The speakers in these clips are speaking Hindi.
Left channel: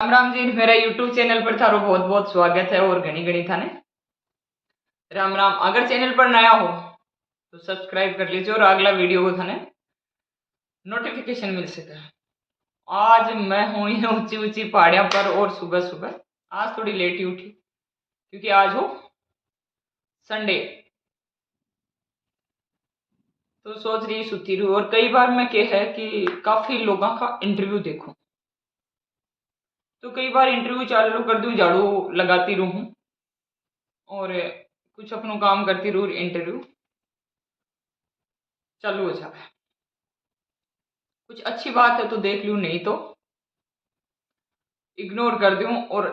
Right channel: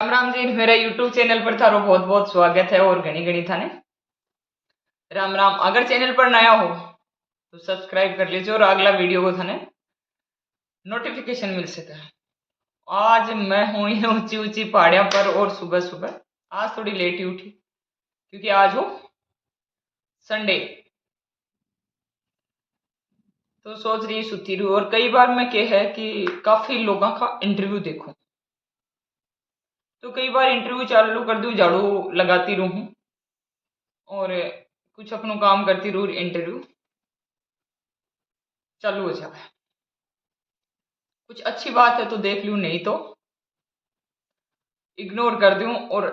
राम राम जी, मेरा यूट्यूब चैनल पर थारो बहुत बहुत स्वागत है और घनी घनी थाने राम राम। अगर चैनल पर नया हो तो सब्सक्राइब कर लीजिए और अगला वीडियो को थाने नोटिफिकेशन मिल सके। आज मैं हूँ ये ऊंची ऊंची पहाड़ियों पर और सुबह सुबह आज थोड़ी लेट ही उठी क्योंकि आज हो संडे। तो सोच रही सुती रहूं और कई बार मैं कह है कि काफी लोगों का इंटरव्यू देखूं, तो कई बार इंटरव्यू चालू कर दूं, झाड़ू लगाती रहूं और कुछ अपना काम करती रहूं, इंटरव्यू चालू हो जाए। कुछ अच्छी बात है तो देख लूं, नहीं तो इग्नोर कर दूं। और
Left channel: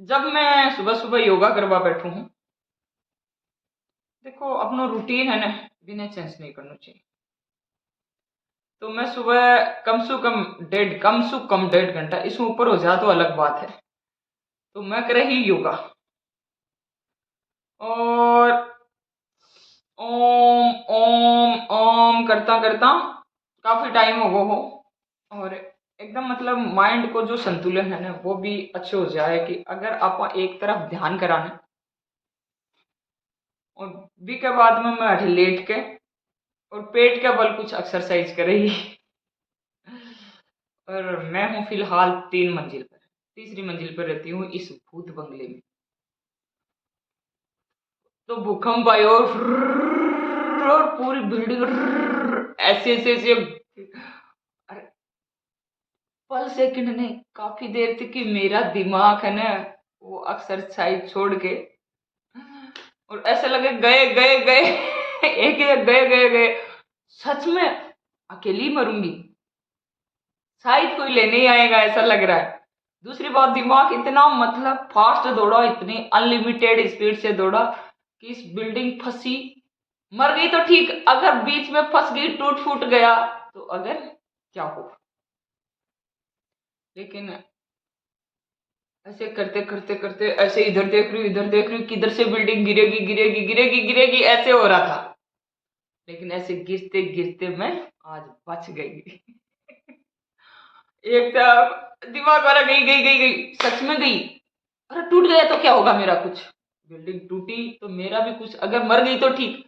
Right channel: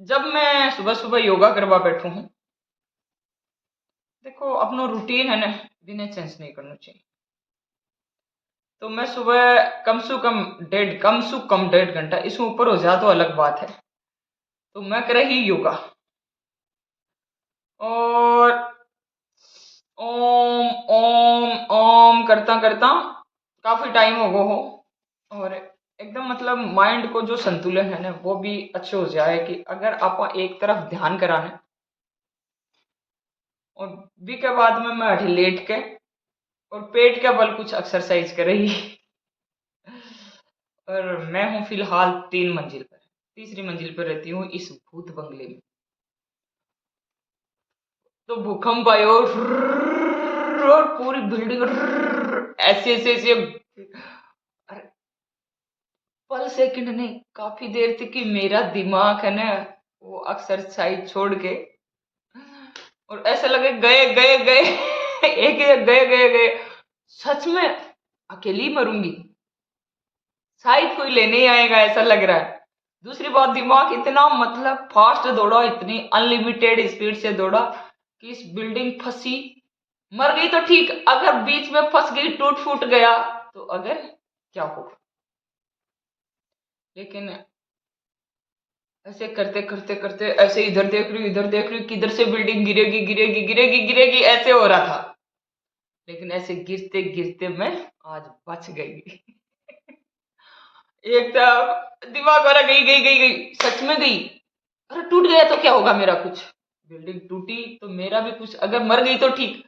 जब मैं सुबह सुबह योगा करवा बैठू हूं, देखो अपना रूटीन है ना, बिना चेंज नहीं करना चाहिए। तो मैं सुबह कम से कम 1.5 घंटा, इसमें ऊपर हो जाए तो अलग बात है, तो मैं कर रही योगा और ओम ओम ओम करता करता काफी टाइम हो गो हो। और एकदम मतलब माइंड को जो संतुलन है ना वो भी अच्छे हो जाए कि अगर आप एक तरफ ध्यान कराने और बी के बाद में मैं अठी लेट के और पेट के बल कुछ एक्सरसाइज करेगी। और मैं हूँ फिलहाल 3 मंजिल पर, तीसरी मंजिल पर रहती हूँ इस भूत बंगले में। तो भूकंप आयो और पूरी बिल्डिंग ऐसे ऐसे ऐसे, अरे पल सेकंड ने काफी देर तक कि मेरा दिमाग है ना वो एक्सरसाइज छोड़ के और ऐसा लगे गए गए गए एक एक गए गए गए। सच में अकेली मरूंगी, शायद कोई लेने ही आएगा ऐसा लग रहा है। दूसरी बात, दिमाग इतना मतलब फास्ट दौड़ा, इतनी अनलिमिटेड स्पीड से दौड़ा कि इस बिल्डिंग फंसी। मर गई तो ठीक, अगर बीच में फंस गई, टूट फूट गया तो अगर क्या हो। लेकिन ऐसे करते करते करते ऐसे इधर देख रही हूँ इधर देख रही हूँ, किधर से बिल्डिंग गिरेगी गिरेगी गिरेगी गिरेगी ऐसे हो रहा था। लेकिन ऐसे गिरते गिरते मैं आज बच गई। एक था दिमाग वाला गई गई गई गई, सच में गई। अरे टूट गया तो क्या होगा मेरा कुछ, बिल्डिंग टूटी तो मेरा भी कुछ, अगर मर गई तो ठीक,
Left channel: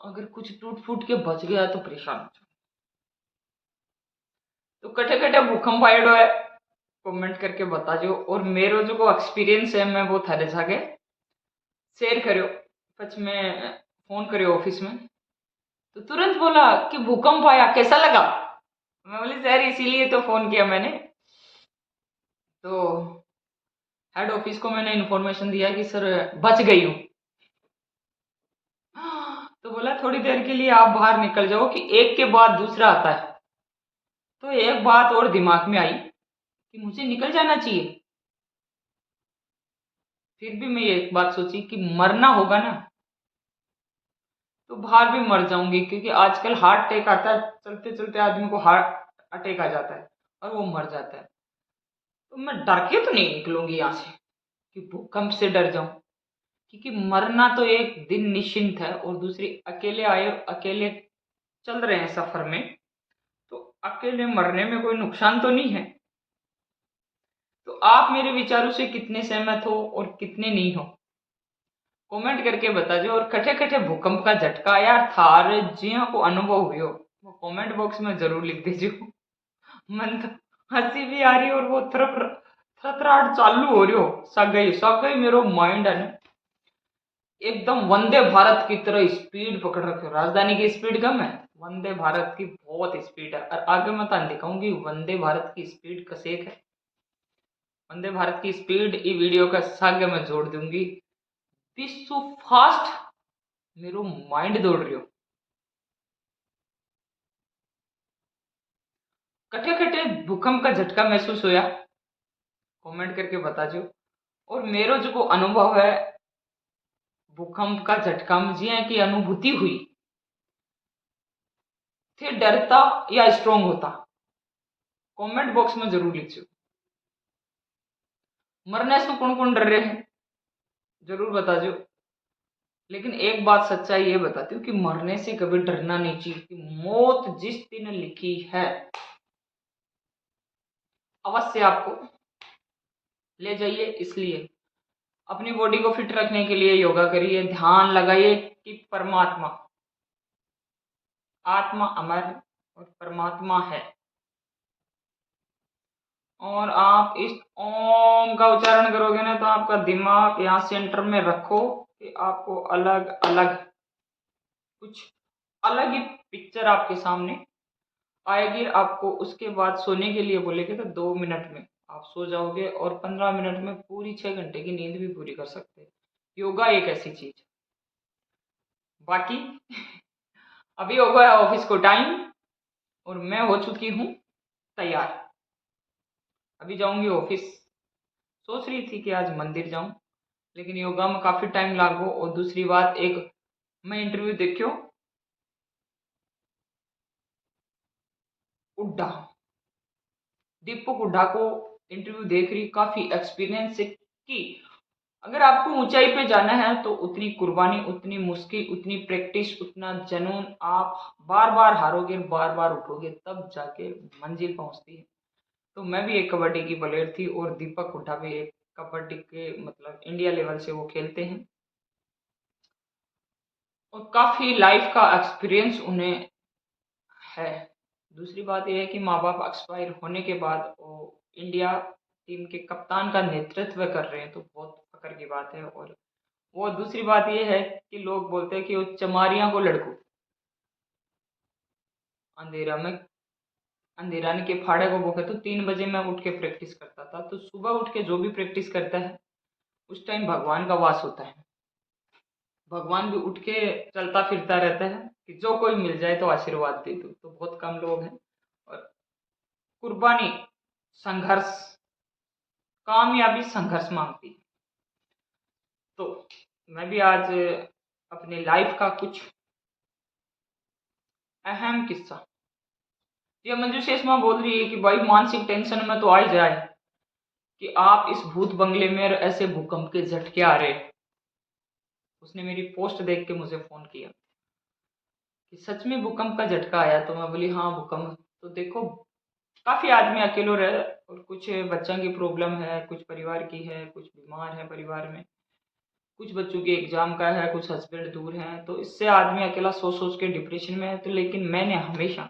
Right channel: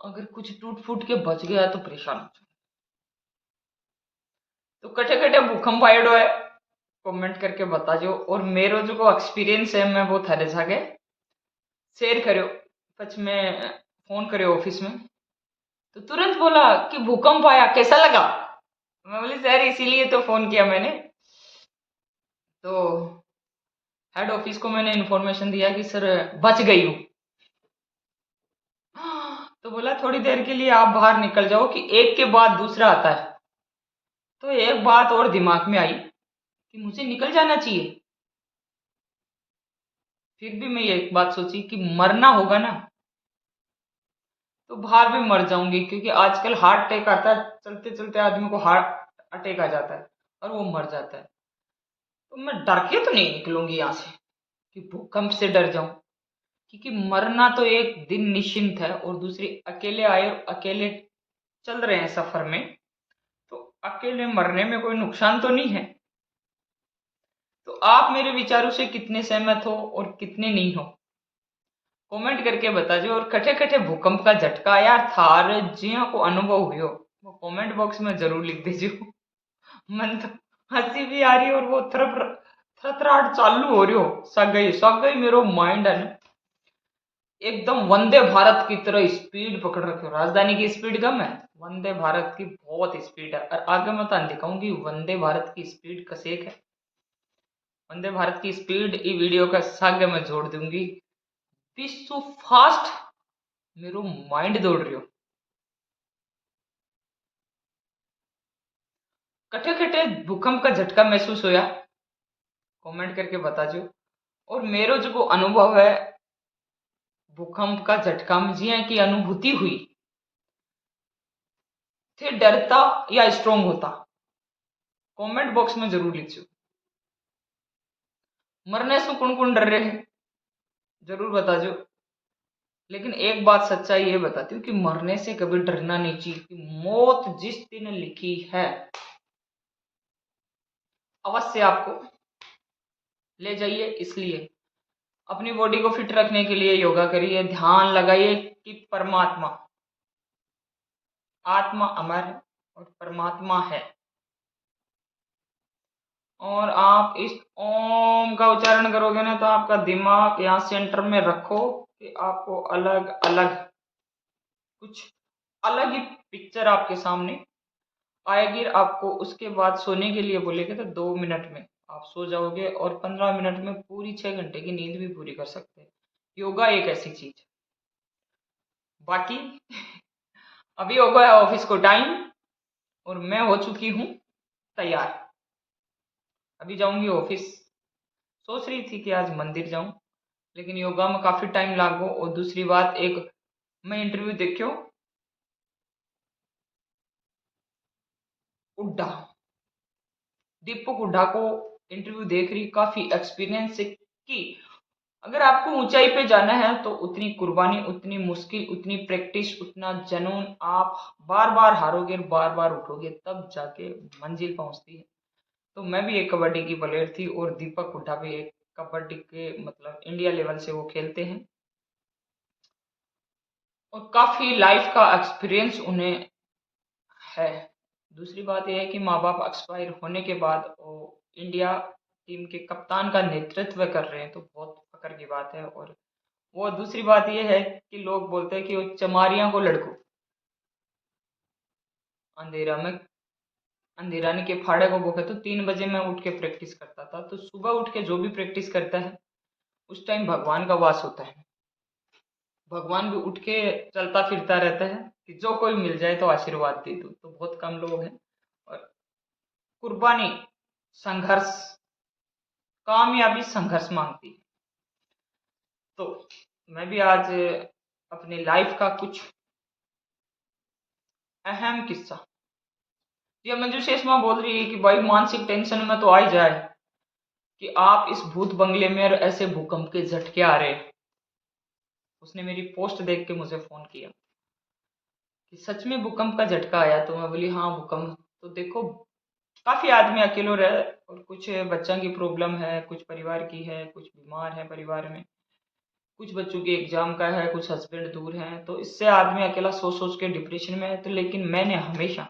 अगर कुछ टूट फूट के बच गया तो परेशान हो जाऊं। तो कटे कटे भूकंप आयो है, कमेंट करके बता जो। और मेरो जो एक्सपीरियंस है मैं वो थारे जाके शेयर करो। सच में फोन करे ऑफिस में तो तुरंत बोला कि भूकंप आया, कैसा लगा। मैं बोली सर इसीलिए तो फोन किया मैंने। तो हेड ऑफिस को मैंने इन्फॉर्मेशन दिया कि सर बच गई हूँ। तो बोला थोड़ी देर के लिए आप बाहर निकल जाओ कि एक के बाद दूसरा आता है। तो एक बात और दिमाग में आई कि मुझे निकल जाना चाहिए। फिर भी मैं एक बात सोची कि मरना होगा ना तो बाहर भी मर जाऊंगी, क्योंकि आजकल हार्ट अटैक आता है, चलते चलते आदमी को हार्ट अटैक आ जाता है और वो मर जाता है। तो मैं डर के तो नहीं निकलूंगी यहाँ से कि भूकंप से डर जाऊं, क्योंकि मरना तो एक दिन निश्चिंत है। और दूसरी अकेले आए और अकेले चल रहे हैं सफर में, तो अकेले मरने में कोई नुकसान तो नहीं है। तो आप मेरे विचारों से कितने सहमत हो और कितने नहीं हो, कमेंट करके बता दो। और कटे कटे भूकंप का झटका यार थार जिया को अनुभव हुई हो वो कमेंट बॉक्स में जरूर लिख दीजिए। मन तो हंसी भी आ रही है और वो थरथराहट चालू हो रही हो, सग गई मेरो माइंड है ना एकदम वंदे भारत की तरह स्पीड पकड़ रखे हो। राजधानी की स्पीड कम है, वंदे भारत की बहुत स्पीड है। और आगे मैं तो दिखाऊंगी वंदे भारत की स्पीड कसेक है। वंदे भारत की स्पीड ई वीडियो का सागे में जोड़ दूंगी। विश्व फास्ट मेरो माइंड दौड़ रही हो। कटे कटे भूकंप का झटका महसूस होया, कमेंट करके बता जो। और मेरो जो को अनुभव है भूकंप का झटका में जिया की अनुभूति हुई थे, डरता या स्ट्रोंग होता, कमेंट बॉक्स में जरूर लिखो। मरने से कौन कौन डर रहे हैं जरूर बता जो। लेकिन एक बात सच्चाई ये बताती हूँ कि मरने से कभी डरना नहीं चाहिए, कि मौत जिस दिन लिखी है अवश्य आपको ले जाइए। इसलिए अपनी बॉडी को फिट रखने के लिए योगा करिए, ध्यान लगाइए कि परमात्मा, आत्मा अमर और परमात्मा है। और आप इस ओम का उच्चारण करोगे ना, तो आपका दिमाग यहाँ सेंटर में रखो कि आपको अलग अलग कुछ अलग ही पिक्चर आपके सामने आएगी। आपको उसके बाद सोने के लिए बोलेगे तो 2 मिनट में आप सो जाओगे और 15 मिनट में पूरी 6 घंटे की नींद भी पूरी कर सकते हैं। योगा एक ऐसी चीज। बाकी अभी हो गया ऑफिस को टाइम और मैं हो चुकी हूँ तैयार। अभी जाऊंगी ऑफिस। सोच रही थी कि आज मंदिर जाऊं, लेकिन योगा में काफी टाइम लागो। और दूसरी बात, एक मैं इंटरव्यू देखियो उड्डा, दीपक हुड्डा को इंटरव्यू देख रही, काफी एक्सपीरियंस से कि अगर आपको ऊंचाई पे जाना है तो उतनी कुर्बानी, उतनी मुश्किल, उतनी प्रैक्टिस, उतना जुनून, आप बार बार हारोगे, बार बार उठोगे, तब जाके मंजिल पहुंचती है। तो मैं भी एक कबड्डी की प्लेयर थी और दीपक हुड्डा भी एक कबड्डी के मतलब इंडिया लेवल से वो खेलते हैं और काफी लाइफ का एक्सपीरियंस उन्हें है। दूसरी बात यह है कि माँ बाप एक्सपायर होने के बाद वो इंडिया टीम के कप्तान का नेतृत्व कर रहे हैं, तो बहुत फक्र की बात है। और वो दूसरी बात यह है कि लोग बोलते हैं कि वो चमारियां को लड़को, अंधेरा में अंधेरानी के फाड़े को बोके। तो 3 बजे मैं उठ के प्रैक्टिस करता था। तो सुबह उठ के जो भी प्रैक्टिस करता है उस टाइम भगवान का वास होता है। भगवान भी उठ के चलता फिरता रहता है कि जो कोई मिल जाए तो आशीर्वाद दे दो। तो बहुत कम लोग हैं। और कुर्बानी, संघर्ष, कामयाबी संघर्ष मांगती है। तो मैं भी आज अपनी लाइफ का कुछ अहम किस्सा, ये मंजू शेषमा बोल रही है कि भाई मानसिक टेंशन में तो आ ही जाए कि आप इस भूत बंगले में और ऐसे भूकंप के झटके आ रहे। उसने मेरी पोस्ट देख के मुझे फोन किया कि सच में भूकंप का झटका आया। तो मैं बोली हाँ भूकंप। तो देखो, काफी आदमी अकेले रहे और कुछ बच्चों की प्रॉब्लम है, कुछ परिवार की है, कुछ बीमार है परिवार में, कुछ बच्चों के एग्जाम का है, कुछ हस्बैंड दूर हैं। तो इससे आदमी अकेला सोच सोच के डिप्रेशन में है। तो लेकिन मैंने हमेशा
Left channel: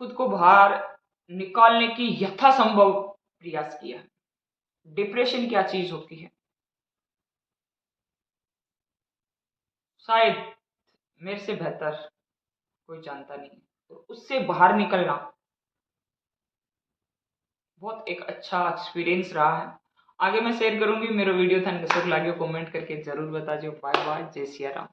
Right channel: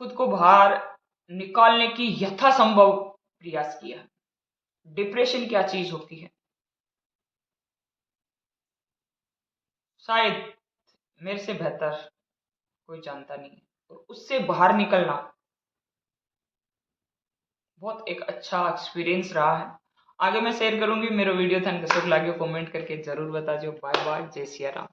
खुद को बाहर निकालने की यथासंभव प्रयास किया। डिप्रेशन क्या चीज होती है शायद मेरे से बेहतर कोई जानता नहीं है। और उससे बाहर निकलना बहुत एक अच्छा एक्सपीरियंस रहा है। आगे मैं शेयर करूंगी। मेरा वीडियो था कैसे लगे कमेंट करके जरूर बता दो। बाय बाय, जय सिया राम।